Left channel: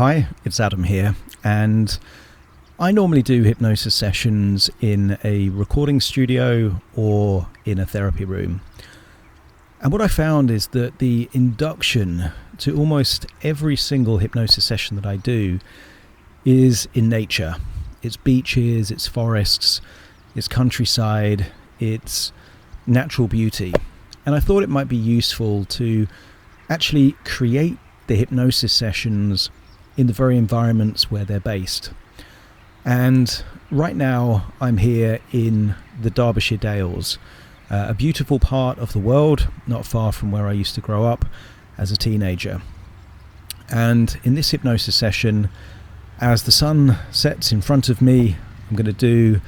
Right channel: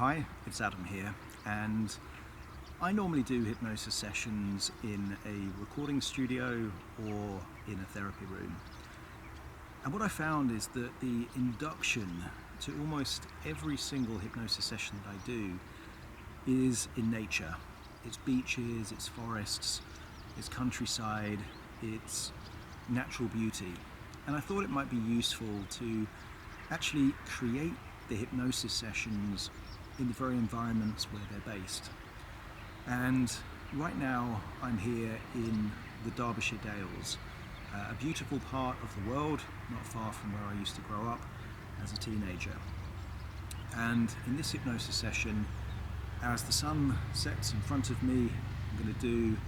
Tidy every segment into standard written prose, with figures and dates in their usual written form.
Hi, it's Adam here, and I normally do hypnosis sessions in a recording studio or in a therapy room. And what I found is that the induction to almost every single hypnosis session that I do is in nature. It's beaches, it's forests, it's countryside, it's natural beauty. And I thought it might be useful to actually create the hypnosis sessions in the very environments where they're based. And right now I'm here in the Derbyshire Dales, a beautiful part of the world, not far from where I used to grow up as a teenager. And in this hypnosis session, as the sun sets in front of me, I'm going to do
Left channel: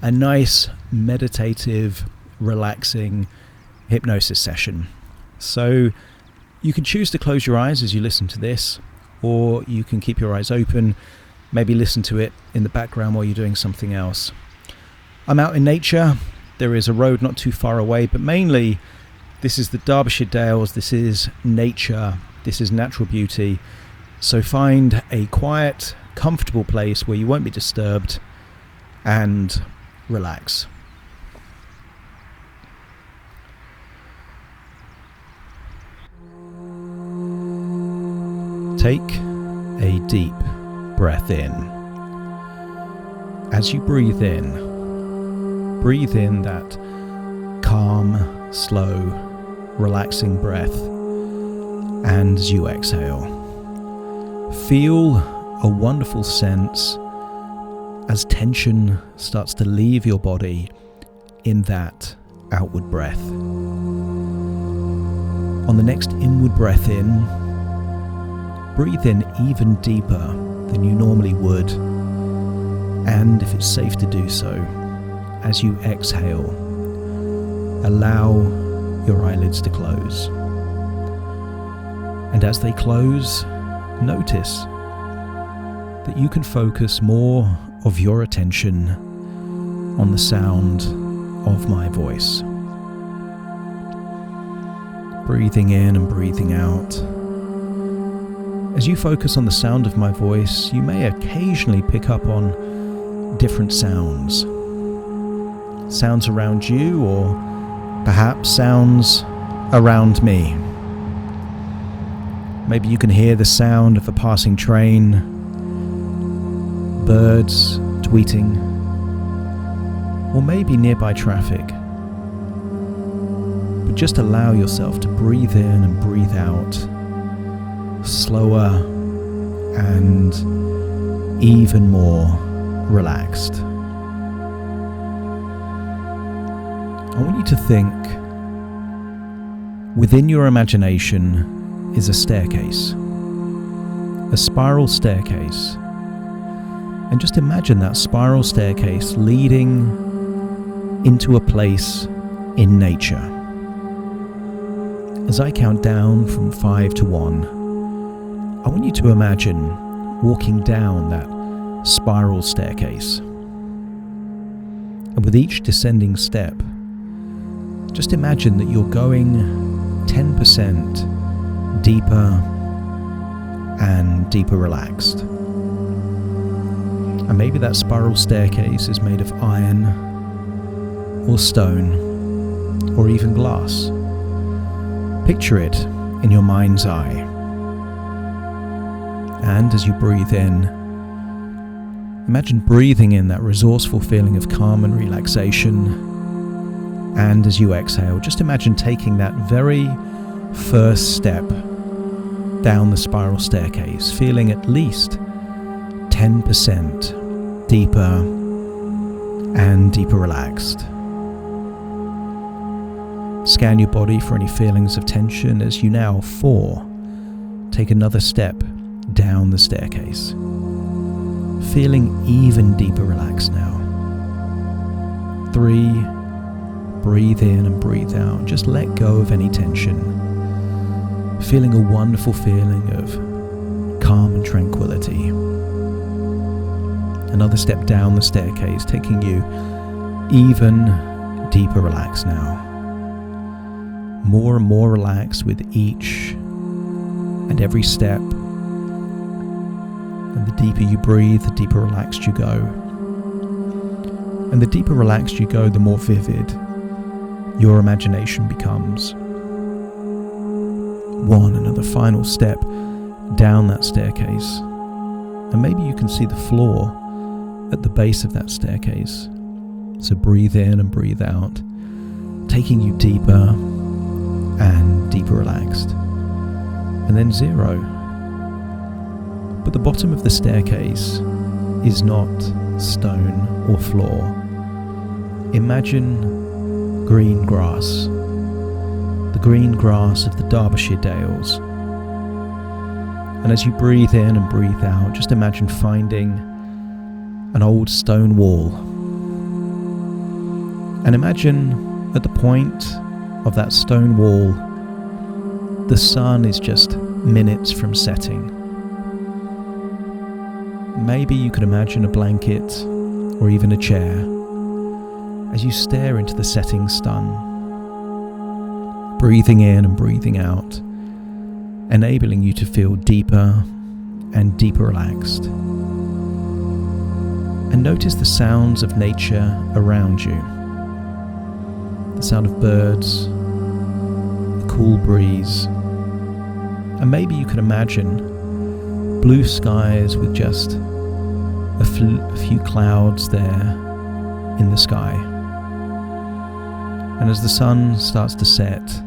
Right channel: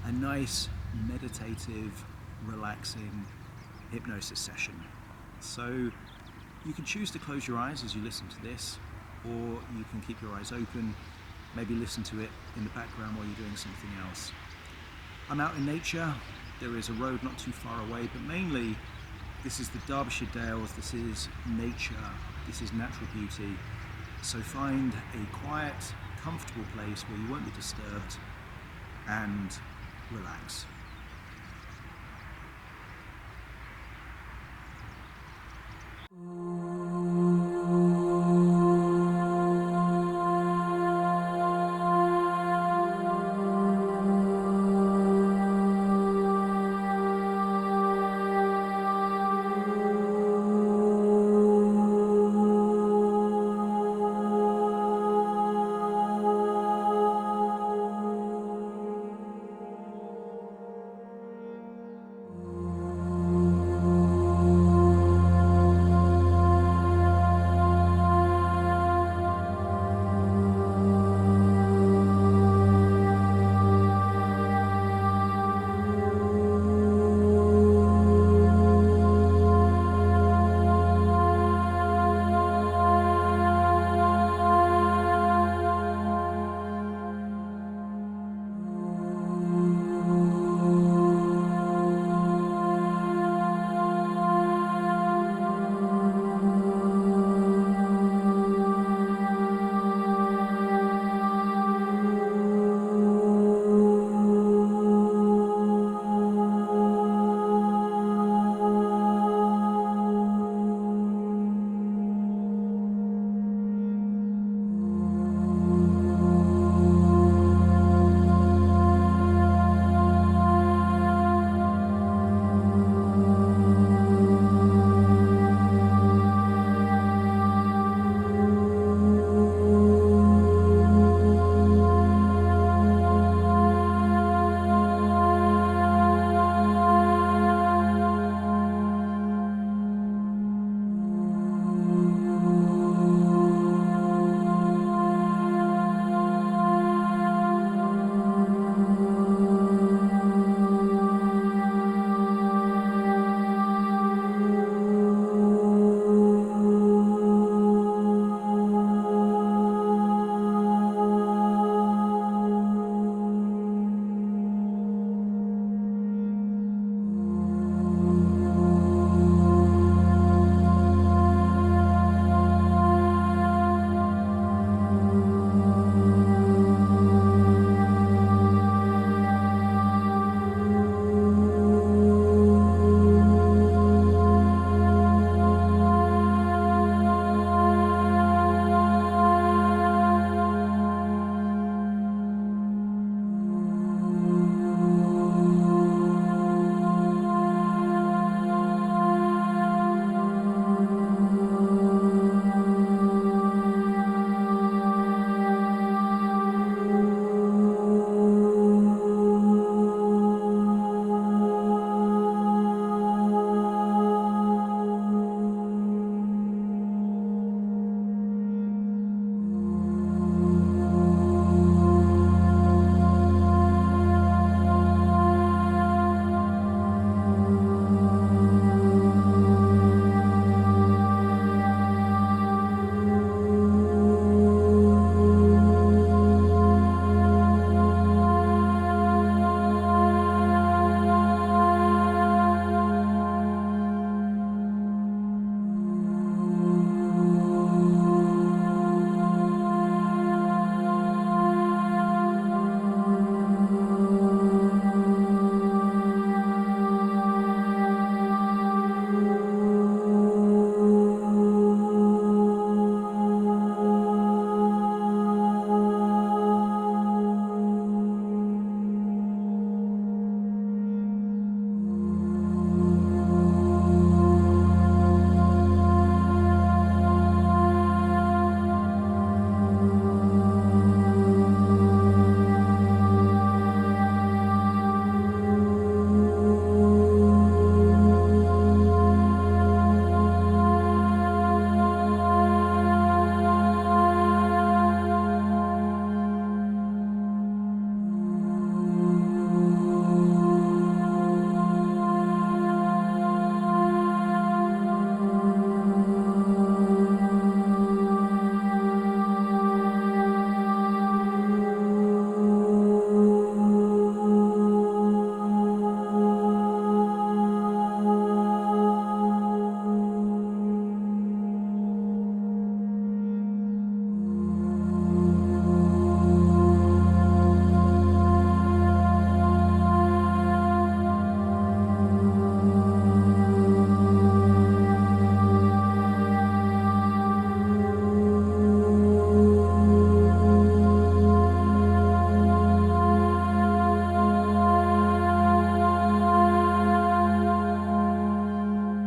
a nice, meditative, relaxing hypnosis session. So you can choose to close your eyes as you listen to this, or you can keep your eyes open, maybe listen to it in the background while you're doing something else. I'm out in nature. There is a road not too far away, but mainly this is the Derbyshire Dales, this is nature, this is natural beauty. So find a quiet, comfortable place where you won't be disturbed and relax. Take a deep breath in. As you breathe in that calm, slow, relaxing breath. And as you exhale, feel a wonderful sense as tension starts to leave your body in that outward breath. On the next inward breath in, breathe in even deeper than you normally would, and if it's safe to do so, as you exhale, allow your eyelids to close. And as they close, notice that you can focus more of your attention on the sound of my voice. Breathing in and breathing out. As you focus on the sound of my voice, you may occasionally pick up on different sounds. Sounds around you, or perhaps sounds around me. Maybe you can hear the sound of a passing train, birds tweeting, or maybe nearby traffic. But just allow yourself to breathe in and breathe out, slower and even more relaxed. I want you to think, within your imagination is a staircase, a spiral staircase, and just imagine that spiral staircase leading into a place in nature. As I count down from 5 to 1, I want you to imagine walking down that spiral staircase. And with each descending step, just imagine that you're going 10% deeper and deeper relaxed. And maybe that spiral staircase is made of iron or stone or even glass. Picture it in your mind's eye. And as you breathe in, imagine breathing in that resourceful feeling of calm and relaxation. And as you exhale, just imagine taking that very first step down the spiral staircase, feeling at least 10% deeper and deeper relaxed. Scan your body for any feelings of tension as you now, 4, take another step down the staircase, feeling even deeper relaxed now. 3, breathe in and breathe out, and just let go of any tension, feeling a wonderful feeling of calm and tranquility. Another step down the staircase, taking you even deeper relaxed now. More and more relaxed with each and every step. And the deeper you breathe, the deeper relaxed you go. And the deeper relaxed you go, the more vivid your imagination becomes. One another final step down that staircase. And maybe you can see the floor at the base of that staircase. So breathe in and breathe out, taking you deeper and deeper relaxed. And then 0. But the bottom of the staircase is not stone or floor. Imagine green grass, the green grass of the Derbyshire Dales. And as you breathe in and breathe out, just imagine finding an old stone wall. And imagine at the point of that stone wall, the sun is just minutes from setting. Maybe you could imagine a blanket or even a chair as you stare into the setting sun, breathing in and breathing out, enabling you to feel deeper and deeper relaxed. And notice the sounds of nature around you. The sound of birds, the cool breeze, and maybe you could imagine blue skies with just a few clouds there in the sky. And as the sun starts to set,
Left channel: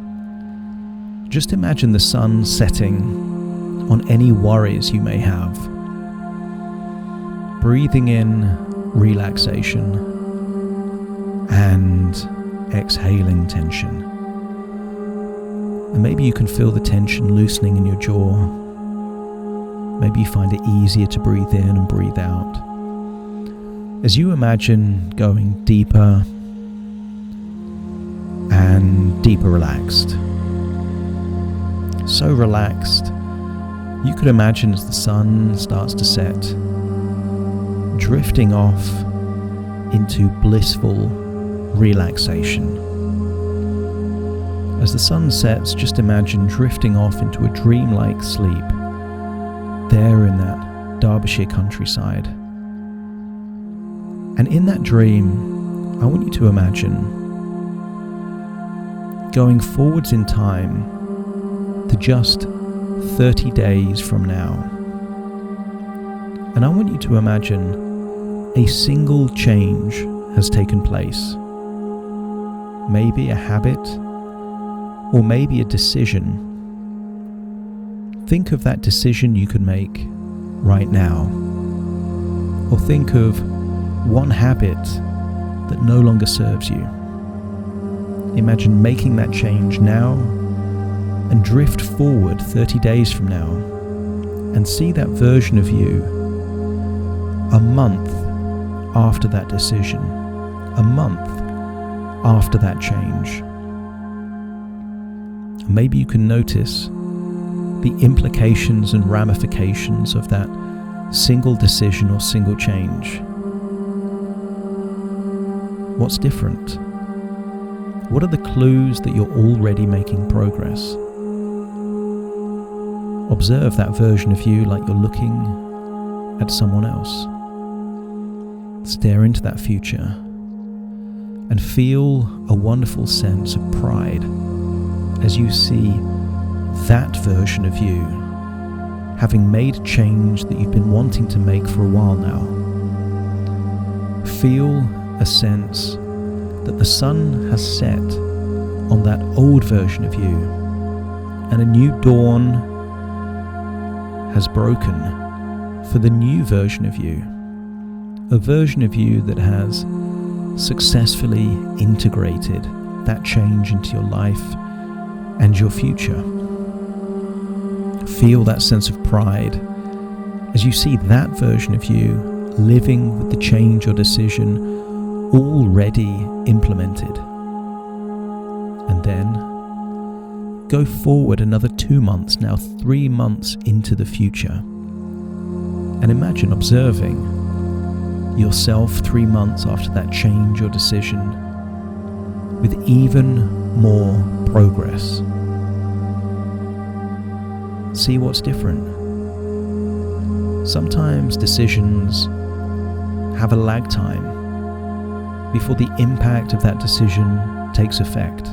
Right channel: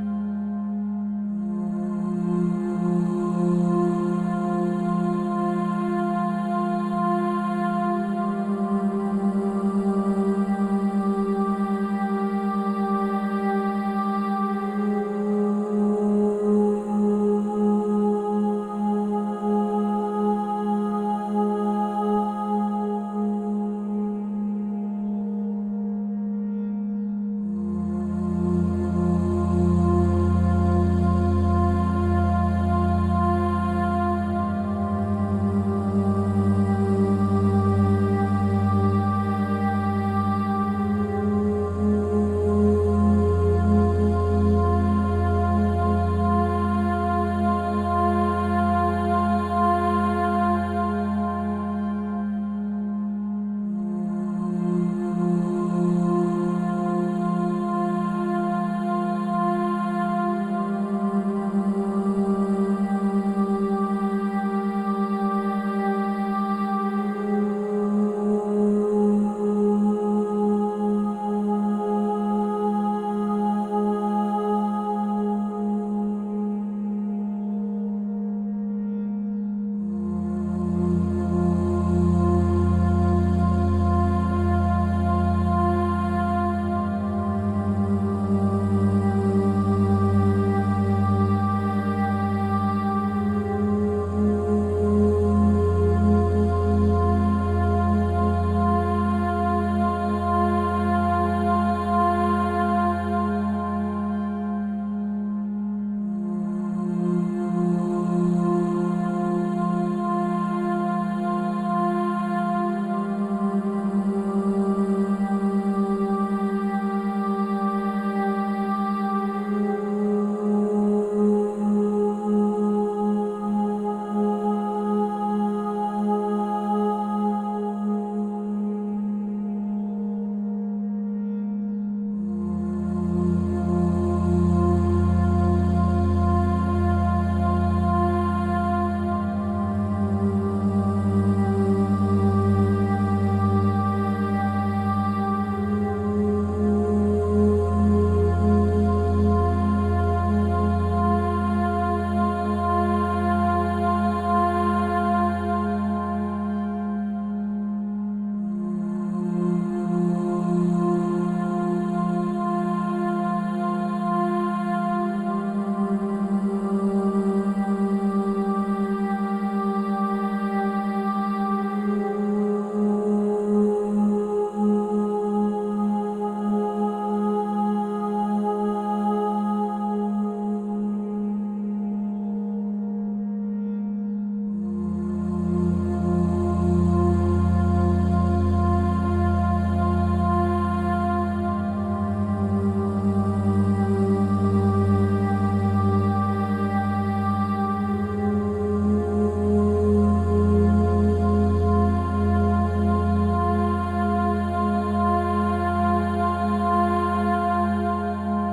just imagine the sun setting on any worries you may have. Breathing in relaxation and exhaling tension. And maybe you can feel the tension loosening in your jaw. Maybe you find it easier to breathe in and breathe out. As you imagine going deeper and deeper relaxed. So relaxed, you could imagine as the sun starts to set, drifting off into blissful relaxation. As the sun sets, just imagine drifting off into a dreamlike sleep there in that Derbyshire countryside. And in that dream, I want you to imagine going forwards in time to just 30 days from now. And I want you to imagine a single change has taken place. Maybe a habit, or maybe a decision. Think of that decision you could make right now. Or think of one habit that no longer serves you. Imagine making that change now and drift forward 30 days from now and see that version of you a month after that decision, a month after that change. Maybe you can notice the implications and ramifications of that single decision or single change. What's different? What are the clues that you're already making progress? Observe that version of you like you're looking at someone else. Stare into that future and feel a wonderful sense of pride as you see that version of you having made a change that you've been wanting to make for a while now. Feel a sense that the sun has set on that old version of you and a new dawn has broken for the new version of you, a version of you that has successfully integrated that change into your life and your future. Feel that sense of pride as you see that version of you living with the change or decision already implemented. And then go forward another 2 months, now 3 months into the future. And imagine observing yourself 3 months after that change or decision with even more progress. See what's different. sometimes decisions have a lag time before the impact of that decision takes effect.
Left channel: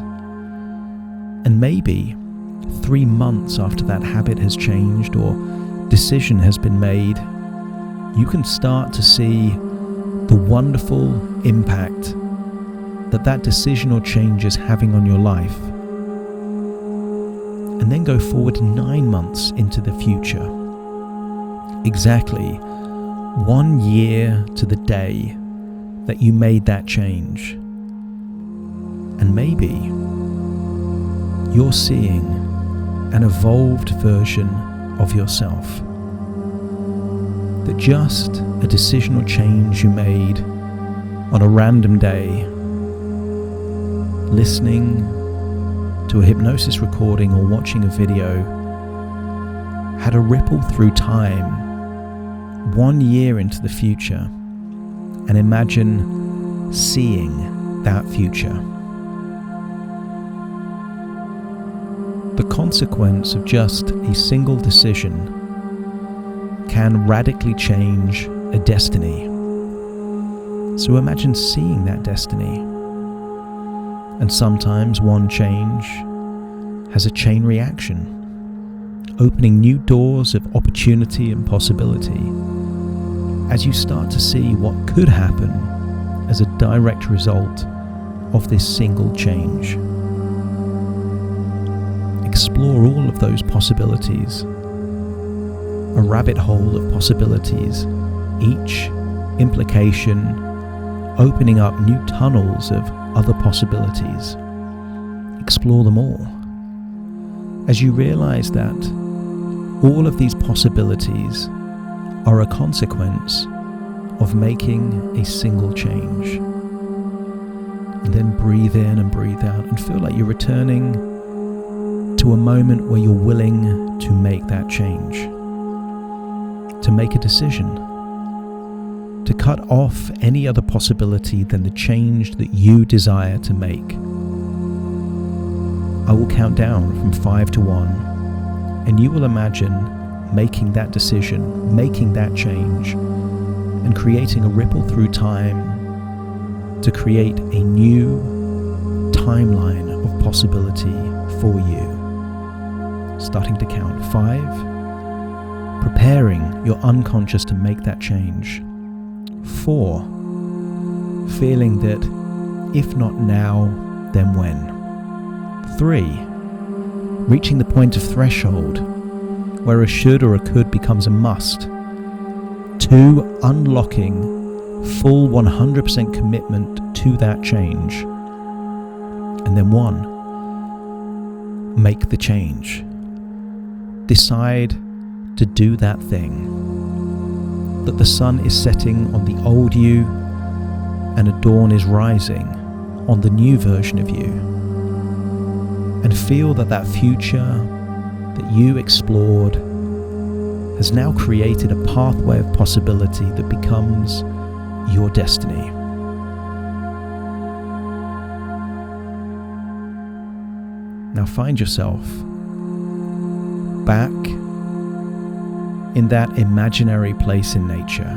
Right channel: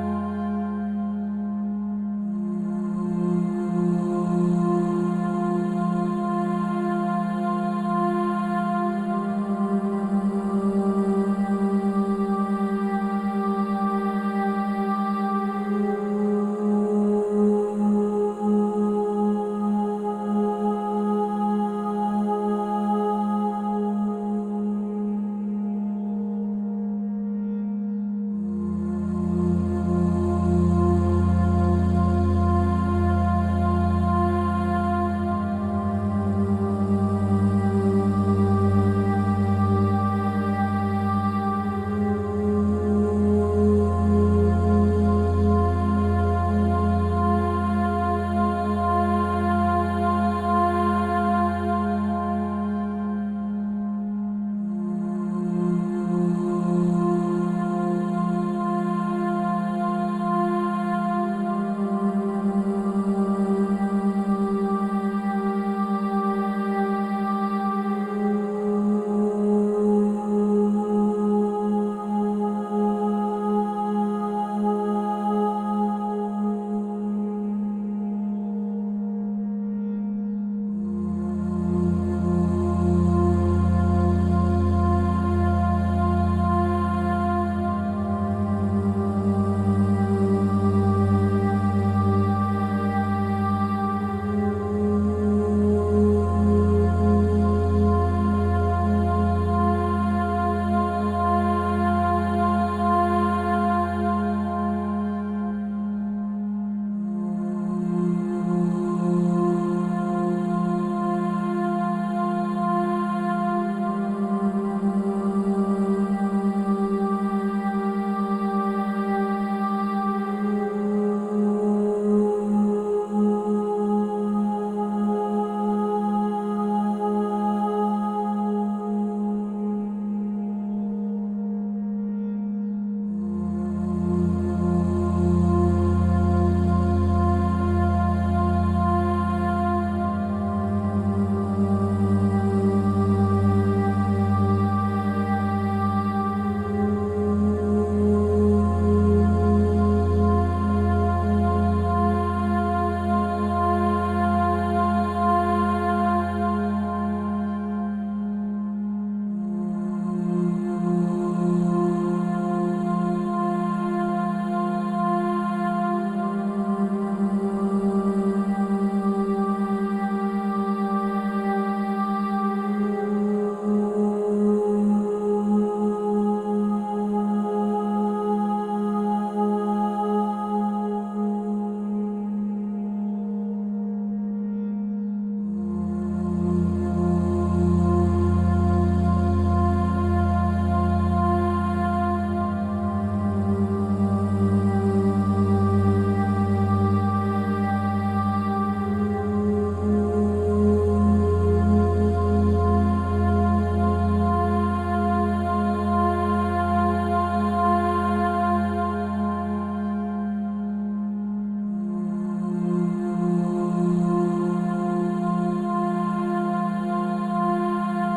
And maybe 3 months after that habit has changed or decision has been made, you can start to see the wonderful impact that that decision or change is having on your life. And then go forward 9 months into the future. Exactly 1 year to the day that you made that change. And maybe you're seeing an evolved version of yourself. That just a decision or change you made on a random day, listening to a hypnosis recording or watching a video, had a ripple through time 1 year into the future, and imagine seeing that future. The consequence of just a single decision can radically change a destiny. So imagine seeing that destiny. And sometimes one change has a chain reaction, opening new doors of opportunity and possibility as you start to see what could happen as a direct result of this single change. Explore all of those possibilities, a rabbit hole of possibilities, each implication opening up new tunnels of other possibilities. Explore them all as you realize that all of these possibilities are a consequence of making a single change. And then breathe in and breathe out and feel like you're returning to a moment where you're willing to make that change, to make a decision, to cut off any other possibility than the change that you desire to make. I will count down from 5 to 1, and you will imagine making that decision, making that change, and creating a ripple through time to create a new timeline of possibility for you. Starting to count 5, preparing your unconscious to make that change. 4, feeling that if not now, then when. 3, reaching the point of threshold where a should or a could becomes a must. 2, unlocking full 100% commitment to that change. And then 1, make the change. Decide to do that thing. That the sun is setting on the old you and a dawn is rising on the new version of you. And feel that that future that you explored has now created a pathway of possibility that becomes your destiny. Now find yourself back in that imaginary place in nature.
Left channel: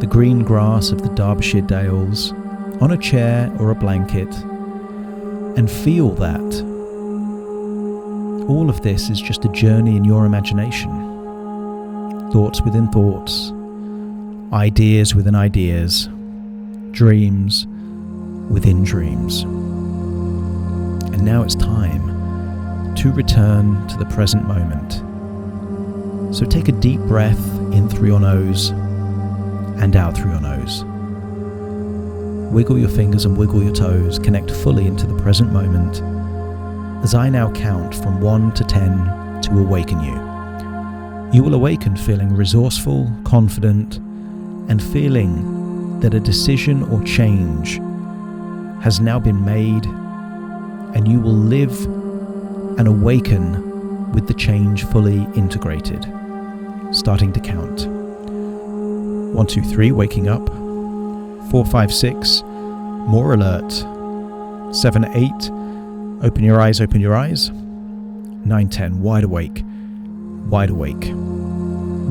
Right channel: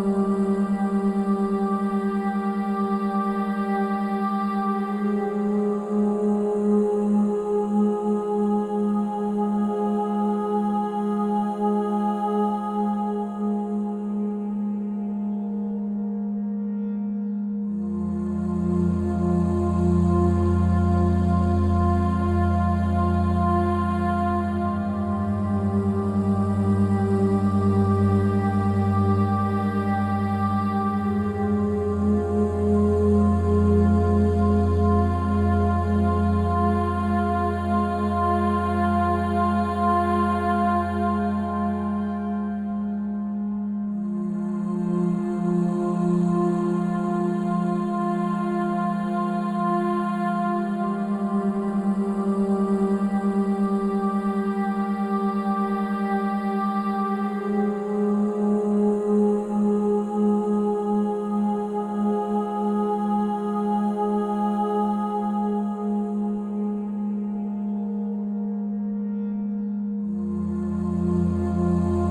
The green grass of the Derbyshire Dales, on a chair or a blanket, and feel that all of this is just a journey in your imagination. Thoughts within thoughts, ideas within ideas, dreams within dreams. And now it's time to return to the present moment. So take a deep breath in through your nose and out through your nose. Wiggle your fingers and wiggle your toes, connect fully into the present moment as I now count from 1 to 10 to awaken you. You will awaken feeling resourceful, confident, and feeling that a decision or change has now been made, and you will live and awaken with the change fully integrated. Starting to count. 1, 2, 3, waking up. 4, 5, 6, more alert. 7, 8, open your eyes, open your eyes. 9, 10, wide awake. wide awake,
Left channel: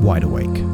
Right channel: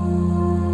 wide awake.